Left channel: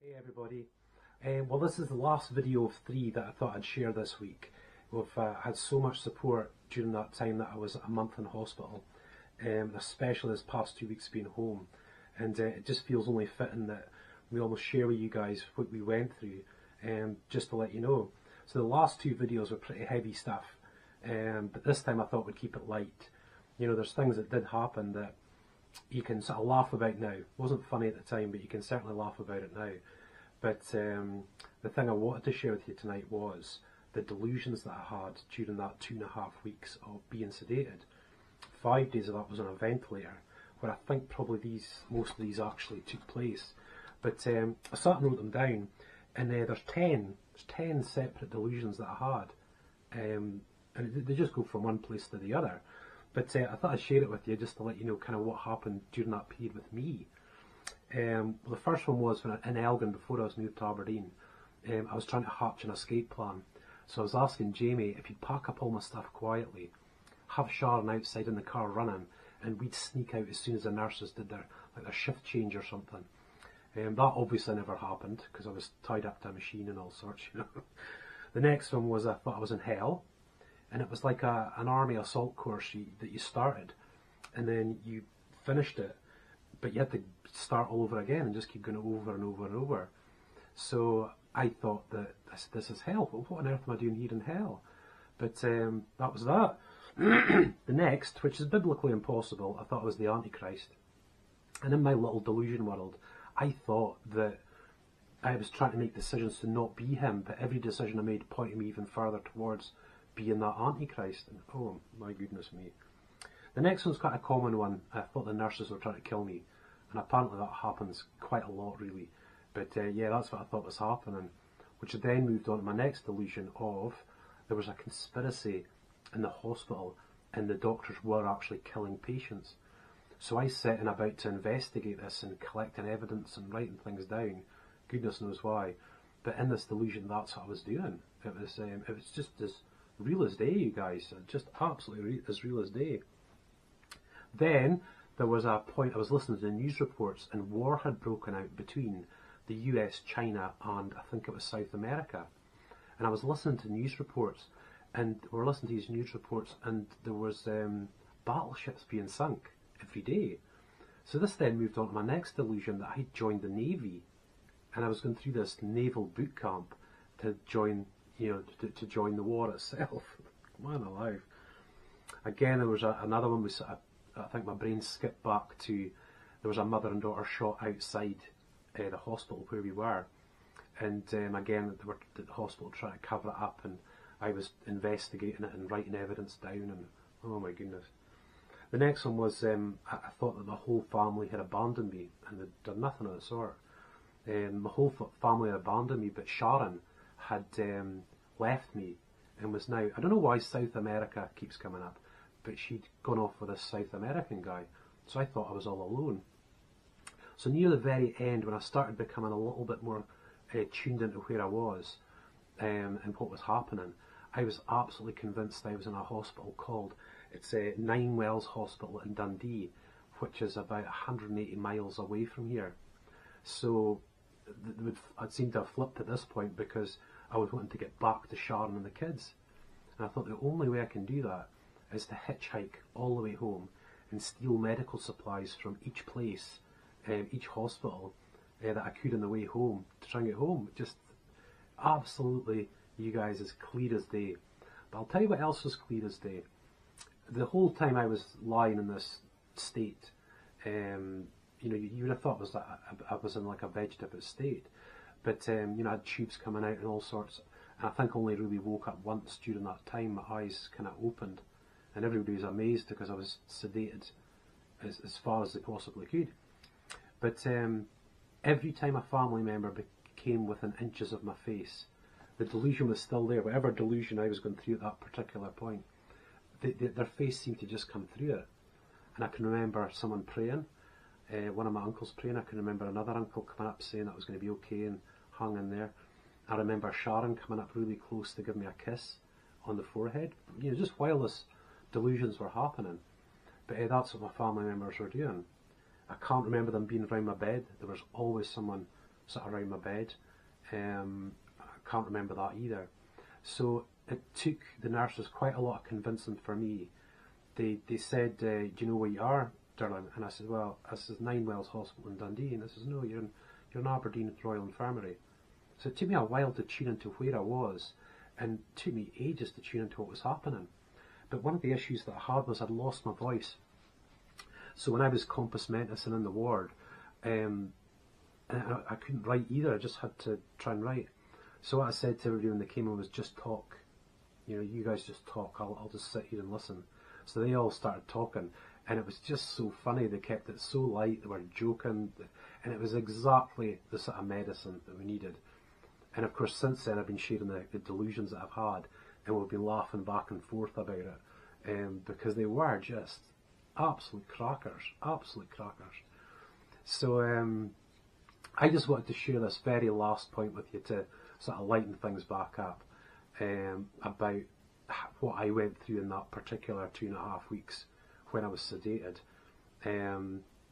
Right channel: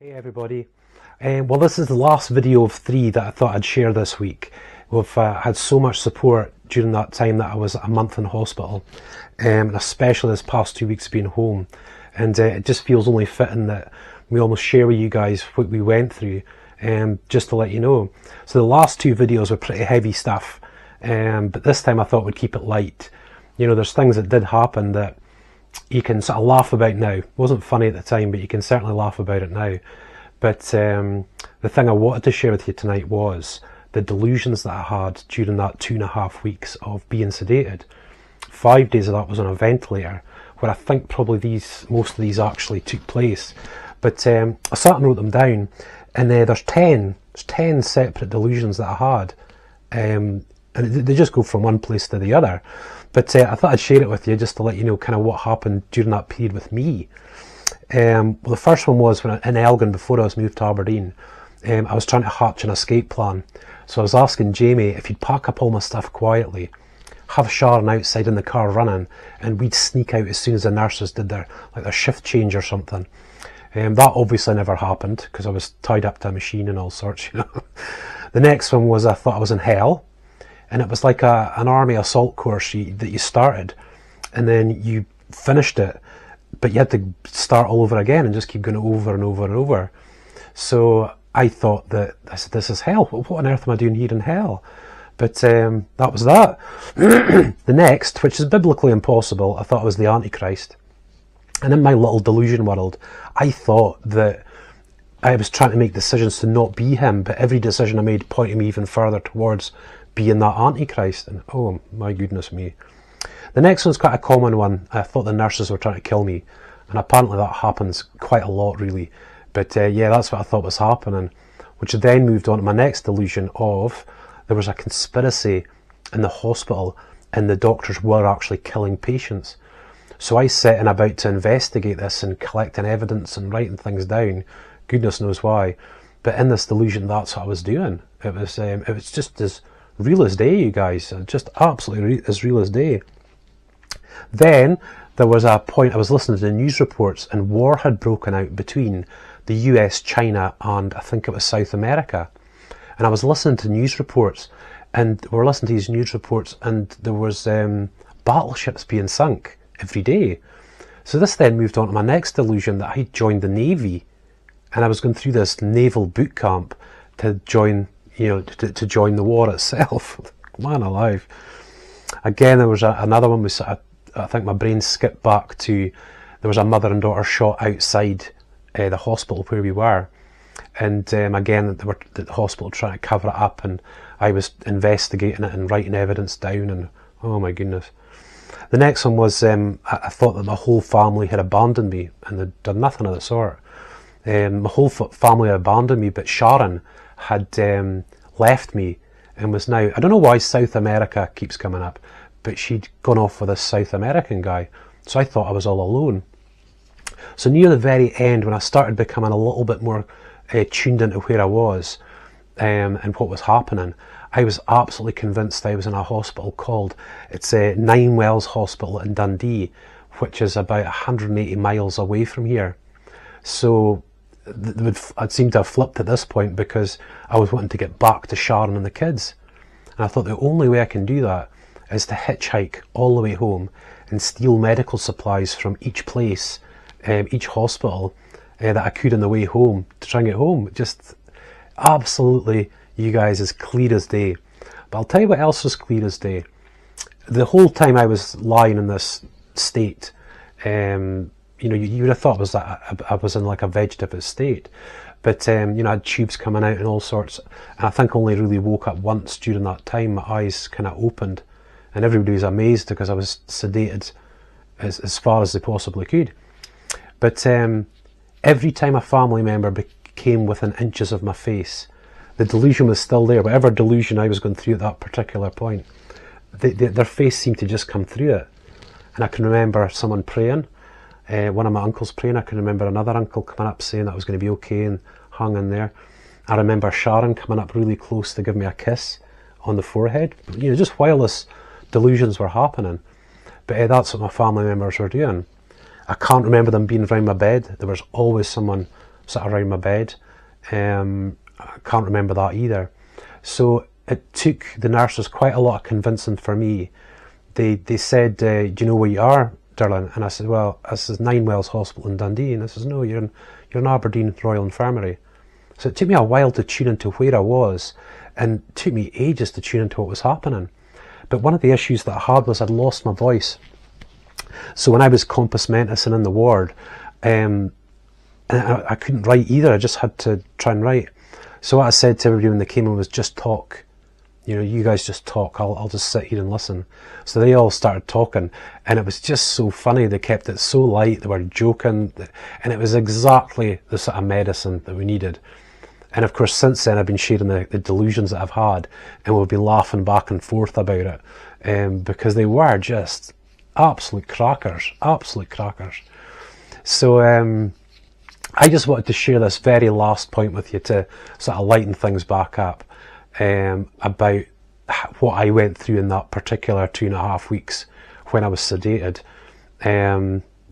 Hey everybody. Well, this is the last video of 3 that I thought I'd share this week. We've had so much support during that time that I was a month in hospital, and especially this past 2 weeks being home. And it just feels only fitting that we almost share with you guys what we went through, just to let you know. So the last 2 videos were pretty heavy stuff, but this time I thought we'd keep it light. You know, there's things that did happen that you can sort of laugh about now. It wasn't funny at the time, but you can certainly laugh about it now. But the thing I wanted to share with you tonight was the delusions that I had during that 2.5 weeks of being sedated. 5 days of that was on a ventilator, where I think probably most of these actually took place. But I sat and wrote them down, and there's 10 separate delusions that I had, and they just go from one place to the other. But I thought I'd share it with you just to let you know kind of what happened during that period with me. Well, the first one was when in Elgin, before I was moved to Aberdeen. I was trying to hatch an escape plan. So I was asking Jamie if he'd pack up all my stuff quietly, have Sharon outside in the car running, and we'd sneak out as soon as the nurses did their shift change or something. That obviously never happened because I was tied up to a machine and all sorts, you know. The next one was I thought I was in hell, and it was like an army assault course that you started, and then you finished it, but you had to start all over again and just keep going over and over and over. So I said, this is hell. What on earth am I doing here in hell? But that was that. The next, which is biblically impossible, I thought I was the Antichrist. And in my little delusion world, I thought that I was trying to make decisions to not be him, but every decision I made pointed me even further towards being that Antichrist. And oh my goodness me. The next one's quite a common one. I thought the nurses were trying to kill me, and apparently that happens quite a lot, really. But yeah, that's what I thought was happening, which then moved on to my next delusion of there was a conspiracy in the hospital and the doctors were actually killing patients. So I set in about to investigate this and collecting evidence and writing things down, goodness knows why. But in this delusion, that's what I was doing. It was just as real as day, you guys, just absolutely as real as day. Then there was a point I was listening to the news reports and war had broken out between the US, China, and I think it was South America. And I was listening to news reports, and we were listening to these news reports, and there was battleships being sunk every day. So this then moved on to my next delusion that I joined the Navy, and I was going through this naval boot camp to join, to join the war itself. Man alive. Again, there was another one. I think my brain skipped back to there was a mother and daughter shot outside the hospital where we were, and again they were the hospital trying to cover it up, and I was investigating it and writing evidence down, and oh my goodness. The next one was I thought that my whole family had abandoned me, and they'd done nothing of the sort. My whole family had abandoned me, but Sharon had left me and was now, I don't know why South America keeps coming up, but she'd gone off with this South American guy. So I thought I was all alone. So near the very end, when I started becoming a little bit more tuned into where I was and what was happening, I was absolutely convinced I was in a hospital called, it's Nine Wells Hospital in Dundee, which is about 180 miles away from here. So I'd seemed to have flipped at this point because I was wanting to get back to Sharon and the kids. And I thought the only way I can do that is to hitchhike all the way home and steal medical supplies from each place, each hospital that I could on the way home to try and get home. Just absolutely, you guys, as clear as day. But I'll tell you what else was clear as day. The whole time I was lying in this state, you would have thought I was in like a vegetative state. But, I had tubes coming out and all sorts. And I think I only really woke up once during that time. My eyes kind of opened. And everybody was amazed because I was sedated as far as they possibly could. But every time a family member came within inches of my face, the delusion was still there. Whatever delusion I was going through at that particular point, their face seemed to just come through it. And I can remember someone praying, one of my uncles praying. I can remember another uncle coming up saying that I was going to be okay and hung in there. I remember Sharon coming up really close to give me a kiss on the forehead, just while this delusions were happening. But that's what my family members were doing. I can't remember them being around my bed. There was always someone sort of around my bed. I can't remember that either. So it took the nurses quite a lot of convincing for me. They said, do you know where you are, darling? And I said, well, this is Ninewells Hospital in Dundee. And they says, no, you're in Aberdeen Royal Infirmary. So it took me a while to tune into where I was, and it took me ages to tune into what was happening. But one of the issues that I had was I'd lost my voice. So when I was compos mentis and in the ward, I couldn't write either. I just had to try and write. So what I said to everybody when they came in was, just talk. You know, you guys just talk. I'll just sit here and listen. So they all started talking, and it was just so funny. They kept it so light. They were joking, and it was exactly the sort of medicine that we needed. And of course, since then, I've been sharing the delusions that I've had, and we'll be laughing back and forth about it, because they were just absolute crackers, absolute crackers. So I just wanted to share this very last point with you to sort of lighten things back up, about what I went through in that particular 2.5 weeks when I was sedated.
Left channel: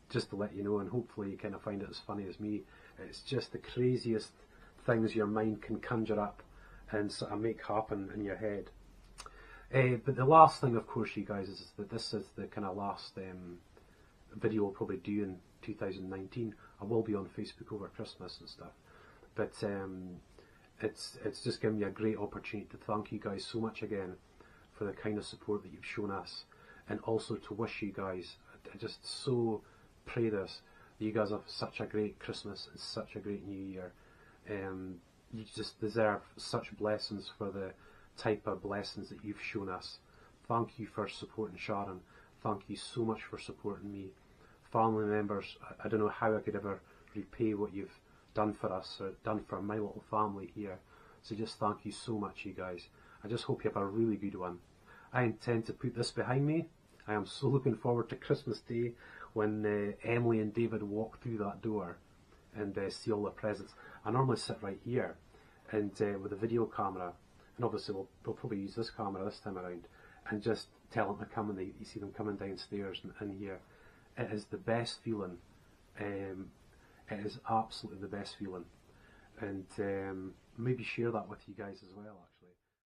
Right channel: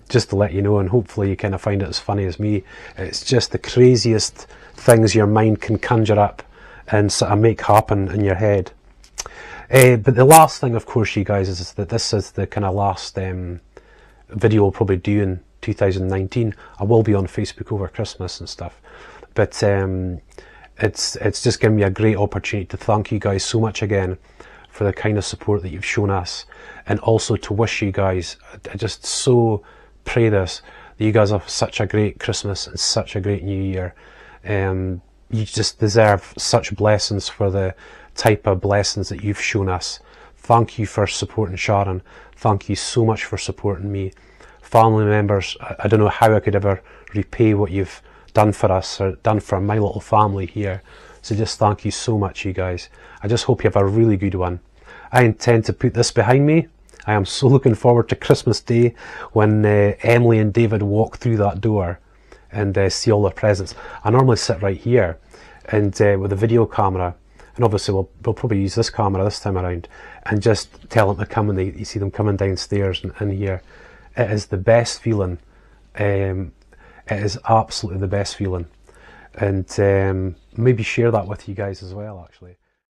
Just to let you know, and hopefully you kind of find it as funny as me. It's just the craziest things your mind can conjure up and sort of make happen in your head. But the last thing, of course, you guys, is that this is the kind of last video I'll probably do in 2019. I will be on Facebook over Christmas and stuff, but it's just given me a great opportunity to thank you guys so much again for the kind of support that you've shown us, and also to wish you guys, I just so pray this, that you guys have such a great Christmas and such a great New Year. You just deserve such blessings for the type of blessings that you've shown us. Thank you for supporting Sharon. Thank you so much for supporting me. Family members, I don't know how I could ever repay what you've done for us, or done for my little family here. So just thank you so much, you guys. I just hope you have a really good one. I intend to put this behind me. I am so looking forward to Christmas Day, when Emily and David walk through that door and see all their presents. I normally sit right here, and with a video camera, and obviously we'll probably use this camera this time around, and just tell them to come, and you see them coming downstairs and here. It is the best feeling. It is absolutely the best feeling, and maybe share that with you guys as well, actually.